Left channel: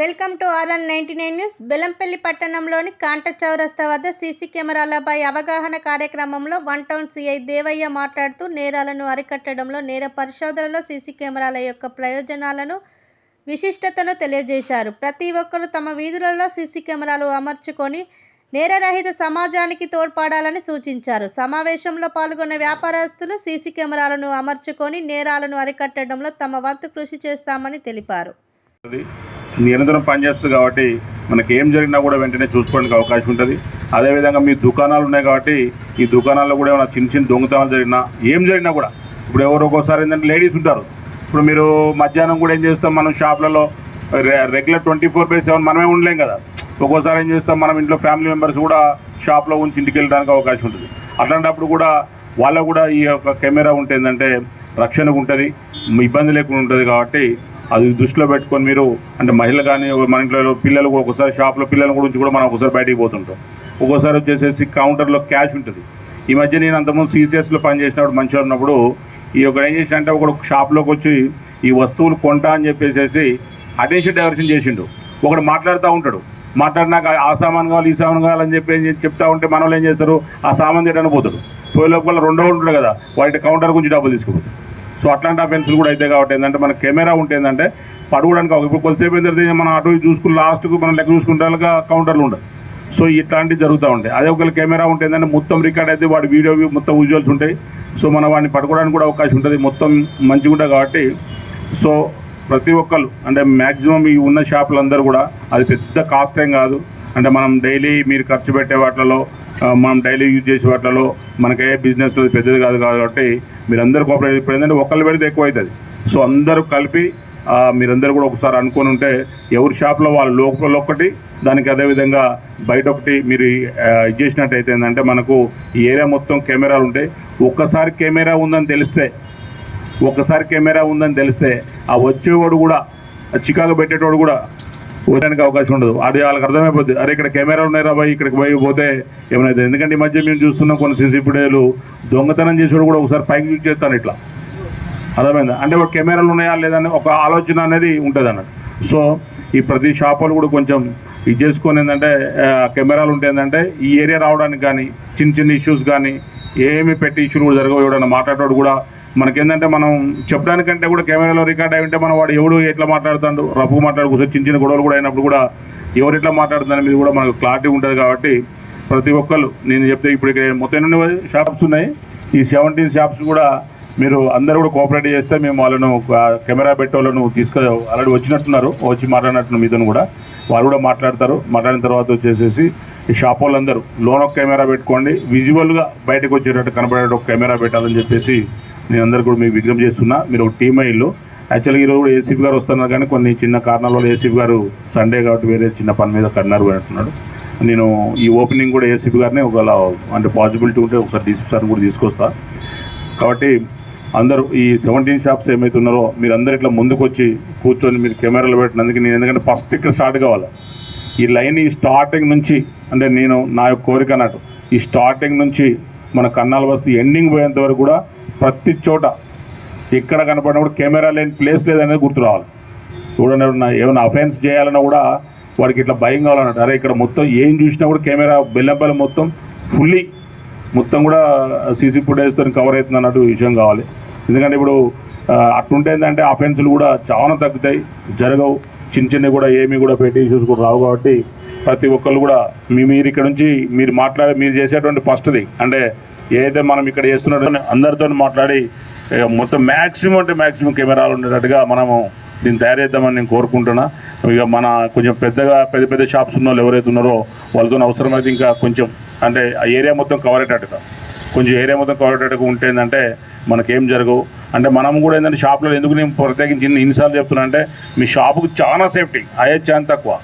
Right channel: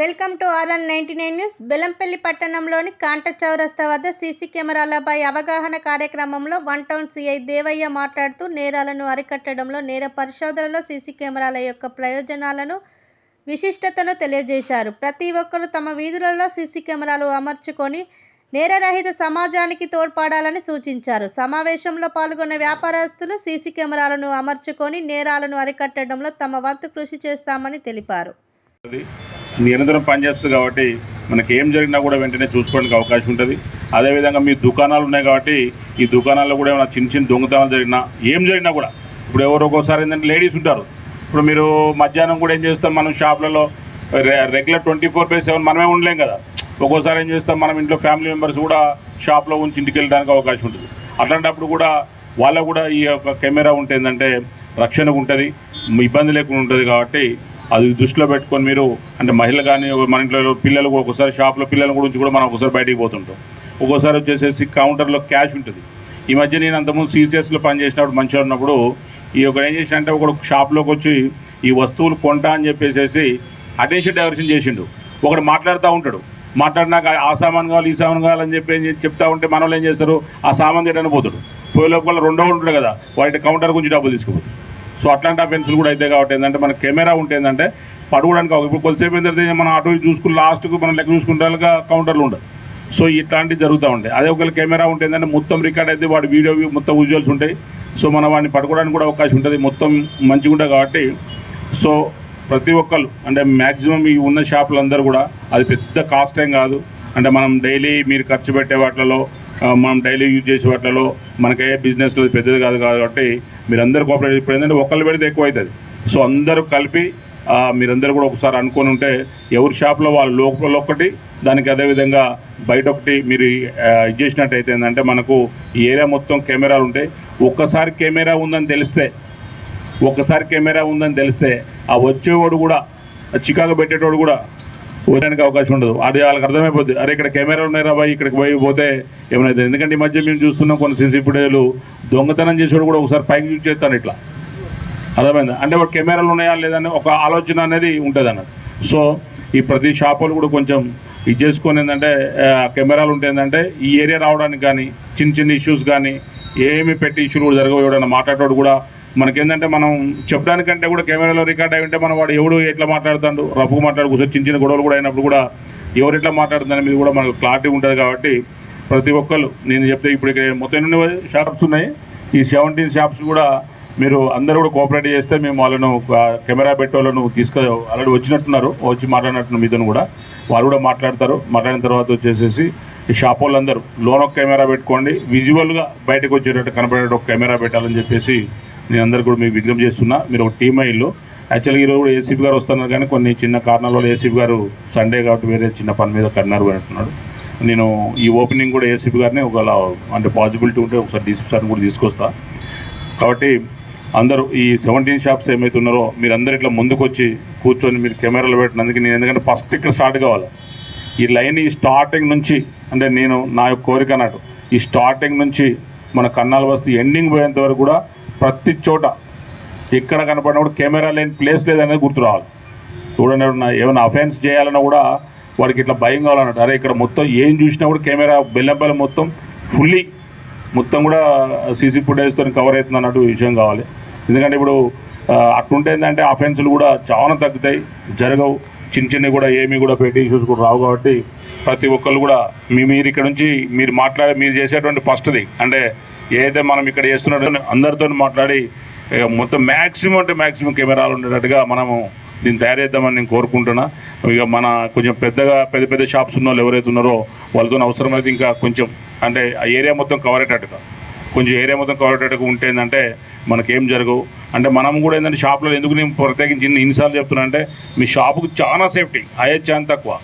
Welcome to RN99 news. Bellampalli పట్టణంలోని కాంట చౌరస్తా వద్ద సీసీ కెమెరాలపై అవగాహన కార్యక్రమంలో వన్ టౌన్ సిఐ దేవయ్య మాట్లాడుతూ నేరాలను అరికట్టడంలో నేర పరిశోధనలో సీసీ కెమెరాల యొక్క ప్రయోజనాలను విశిష్టతను తెలియజేశారు. ప్రతి ఒక్కరూ తమ వీధులలో సీసీ కెమెరాలు అమర్చుకొని నేరరహిత సమాజానికి తోడ్పడాలని సూచించారు. సమావేశంలో పాల్గొన్న వ్యాపారస్తులు సీసీ కెమెరాలను అమర్చుకొని నేరాలను అరికట్టడంలో తమ వంతు కృషి చేస్తామని తెలిపారు. నిరంతరం పనిచేస్తుంది కాబట్టి మనకి ఏం జరిగినా కూడా వెంటనే చూసుకోవడానికి అవకాశం ఉంటుంది. అదేవిధంగా మీ దుకాణాలు ఉన్నాయి కాబట్టి ఈ దుకాణాల్లో కూడా ఏమైనా చిన్న చిన్న దొంగతనాలు జరిగినా ఏం జరిగినా కూడా ఇప్పుడు ఎవరు ఒక్కోసారి ఏంటంటే లేడీస్ ఉంటారు. ఇప్పుడు మీరు మధ్యాహ్నం కూడా ఏం చేస్తాం, మనం షాప్లలో రెగ్యులర్ 24/7 మనమే ఉండలేం కదా. ఒక్కోసారి ఏం చేస్తాం, మనం ఇంట్లో ఫ్యామిలీ మెంబర్స్ కూడా షాప్లో ఉంచి ఇంటికి వెళ్ళడానికి అవకాశం ఉంటుంది. అట్లాంటప్పుడు కూడా వాళ్ళకు కూడా ఈ యొక్క కెమెరా ఉంటే ఏంటంటే రక్షణ ఉంటుంది, ఇబ్బంది లేకుండా ఉంటుంది. కాబట్టి అది దృష్టిలో పెట్టుకొని మీరు అంటే మహిళలు కానీ మన ఇంట్లో పిల్లలు ఒక్కోసారి షాప్లో పిల్లల గురించి కూడా మనం ఒకసారి బయటికి పోతుంటాం. ఒక్కోసారి వచ్చేసేసి కౌంటర్లో క్యాష్ ఉంటుంది. ఈ మధ్య నేను అంతకుముందు CCSలో పనిచేసినప్పుడు మంచిగా ఉన్నప్పుడు ఈ ఒక ఏం చేసిన అంటే ఒకడు షాప్లోకి వచ్చి ఈ వస్తువులు కొంటా అని చెప్పేసి అటెన్షన్ డైవర్షన్ చేసిండు. ఒకడు మాట్లాడుతూ ఉంటాడు, మాట్లాడినాక ఆ సామాన్ కావాలి ఈ సామాన్ కావాలని చెప్తా ఉంటే మన వాళ్ళు ఏం చేస్తారు, ఆ సామాన్ తీయడానికి పోతాడు. పోయే లోపల రెండో ఉంటాడు కదా, వాటి కౌంటర్ గురించి డబ్బులు తీసుకుపోతాడు. సో అట్లాంటి అఫెన్సులు కూడా అయితే కాబట్టి ఏంటంటే మన కెమెరా ఉంటే ఏంటంటే పడుకోవడానికి ఇప్పుడు కొద్దిసేపు ఏంటంటే మనం అటు చూసుకుని లాస్ట్కు మనం లెక్క చూసుకుంటే కౌంటర్లు ఉండదు. సో ఇట్లాంటివి జరుగుతూ ఉంటాయి. అదే ఒకవేళ కెమెరా ఉంటే ఏంటంటే మొత్తం రికార్డ్ అయితే వాడి వీడియో మొత్తం విజువల్స్ ఉంటాయి. సో మనం వాడిని పట్టుకోవడానికి కూడా అవకాశం ఉంటుంది, మొత్తం మంచిగా ఉంటుంది. కాబట్టి సో ప్రతి ఒక్కరు అంటే మ్యాక్సిమం ఈ ఉన్న షాపులందరూ కూడా అది పెద్ద కాస్ట్ ఏం కాదు. అంటే మనం డైలీ మీరు ఖర్చు పెట్టే వాటిలో మనం డైలీ యూజ్ చేసే వాటిలో మనకే బిజినెస్లో పెద్దది కాదు కాబట్టి మీరందరూ కోఆపరేట్. ఇప్పుడు ఏంటంటే ఒకళ్ళు పెడితే ఎక్కువ అవుతుంది. సో అందరూ కలిపి మీరందరూ కూడా ఒకసారి అనుకొని ఉంటే ఎవరి షాప్లో వాళ్ళ లోపల ఒకటి దానికి అదేవిధంగా బయట ఒకటి మీరు ఇది చేసినట్టయితే ఏంటంటే మనకు ఈ ఏరియా మొత్తం కెమెరాలు ఉంటాయి. ఒక్కసారి కెమెరా ఉందని తెలిస్తే ఆ వచ్చేవాడు కూడా చికాకు పెట్టేటోడు కూడా పోయడానికి అవకాశం ఉండదు. అది వాళ్ళకి అర్థమైపోద్ది, అరే ఇక్కడ కెమెరాలు ఉన్నాయి రాబాయి ఇక్కడికి పోతే ఏమైనా. ఎందుకంటే ఈ మధ్య మేము చూస్తున్నాం కొన్ని సీసీ ఫుటేజ్లు దొంగతనం చేసేవాడు కూడా ఒకసారి పైకి యూజ్ చేస్తాను ఇట్లా, అర్థమైందా? అంటే ఒక కెమెరాలు ఉన్నాయా లేదని ఒక ఆలోచన అనేది ఉంటుంది అన్నట్టు. సో ఈ ప్రతి షాపులు కూడా కొంచెం ఇది చేసుకొని ఏంటంటే కెమెరాలు ఉంటే ఏంటంటే ఈ ఏరియా రావడానికి కానీ చిన్న చిన్న ఇష్యూస్ కానీ ఏమి పెట్టి ఇష్యూలు కూడా జరగవు. ఎవడన్నా మాట్లాడేవాడు కూడా మనకేంటంటే మనం చెప్పడానికంటే కూడా కెమెరాలో రికార్డ్ అయి ఉంటే మనం వాడు ఎవడు ఎట్లా మాట్లాడుతాడు, రఫ్గా మాట్లాడుకోవచ్చు. చిన్న చిన్న గొడవలు కూడా అయినప్పుడు కూడా ఎవరు ఎట్లా మాట్లాడుతున్న మీద కూడా మనకు క్లారిటీ ఉంటుంది. కాబట్టి ప్రతి ఒక్కరు నేను చెప్తే ఇప్పుడు ఇక్కడ మొత్తం ఎన్ని షాప్స్ ఉన్నాయి, ఈ 17 షాప్స్ కూడా మీరు అందరూ కూడా కోఆపరేట్ చేస్తే మేము వాళ్ళను కెమెరా పెట్టే వాళ్ళను ఆల్రెడీ వచ్చినట్టున్నారు, వచ్చి మాట్లాడినట్టు మీతో కూడా వాళ్ళు కూడా మాట్లాడతారు. మాట్లాడిన తర్వాత వచ్చేసేసి ఈ షాప్ వాళ్ళందరూ లోన్ ఒక కెమెరా పెట్టుకోండి, విజువల్గా బయటకు వచ్చేటట్టు కనపడేటట్టు ఒక కెమెరా పెట్టాలని చెప్పేసి నేను అందరూ కూడా మీకు విజ్ఞప్తి చేస్తున్నా. మీరు ఒక టీమ్ అయ్యిల్లు. యాక్చువల్గా ఈరోజు కూడా ఏసీపీ గారు వస్తున్నారు కానీ కొన్ని చిన్న కారణాల వల్ల ఏసీపీ గారు సండే కాబట్టి వేరే చిన్న పని మీద కన్నారు అంటున్నాడు. నేను ఈ ఓపెనింగ్ కూడా ఏసీపీ గారిని ఒకవేళ అంటే పాసిబిలిటీ ఉంటే ఒకసారి కూడా తీసుకొస్తా. కాబట్టి అందరూ ఈ 17 షాప్స్ ఏమైతే ఉన్నారో మీరందరూ ఇట్లా ముందుకు వచ్చి కూర్చొని మీరు కెమెరాలు పెట్టినందుకు నేను ఎందుకంటే ఫస్ట్ ఇక్కడ స్టార్ట్ కావాలి. ఈ లైన్ ఈ స్టార్టింగ్ నుంచి అంటే నేను నా యొక్క కోరిక అన్నట్టు ఈ స్టార్టింగ్ నుంచి మన కన్నాల వస్తు ఎండింగ్ పోయేంత వరకు కూడా ప్రతి చోట ఎక్కడ కనపడినా కూడా కెమెరా లేని ప్లేస్ లేదనేది గుర్తు రావాలి. చూడండి ఏమైనా అఫెన్స్ చేయాలన్నా కూడా వాడికి ఇట్లా భయం కావాలన్నట్టు. అరే ఇక్కడ మొత్తం ఏం చూసినా కూడా కెమెరా బెల్లంపల్లి మొత్తం ఫుల్లీ మొత్తం కూడా సీసీ ఫుటేజ్తో కవర్ అవుతుంది అన్నట్టు విషయం కావాలి. ఎందుకంటే ఇప్పుడు అట్లుంటే ఏంటంటే అఫెన్సులు కూడా చాలా తగ్గుతాయి, జరగవు. చిన్న చిన్నవి కూడా ఏమీ కూడా పెట్టి ఇష్యూస్ కూడా రావు. కాబట్టి ప్రతి ఒక్కళ్ళు కూడా మీరు ఇక్కడ నుంచి మీరు చేసేటువంటి ఫస్ట్ది అంటే ఏదైతే మనం ఇక్కడ చేస్తున్నట్టు అందరితో మాట్లాడి మొత్తం మ్యాక్సిమం కెమెరాలు ఉండేటట్టుగా మనము దీన్ని తయారు చేద్దామని నేను కోరుకుంటున్నా. ఇక మన కొంచెం పెద్ద షాప్స్ ఉన్న వాళ్ళు ఎవరైతే ఉన్నారో వాళ్ళతో అవసరమైతే ఇంకా కొంచెం అంటే ఆ ఏరియా మొత్తం కవర్ అయ్యేటట్టుగా ఉంటే ఏంటంటే మనకేం జరగవు. అంటే మనం కూడా ఏంటంటే షాప్లో ఎందుకు నేను ప్రత్యేకించి ఇన్నిసార్లు చెప్తున్నా అంటే మీ షాపుకు చాలా సేఫ్టీ అయ్యే ఛాన్స్ తక్కువ.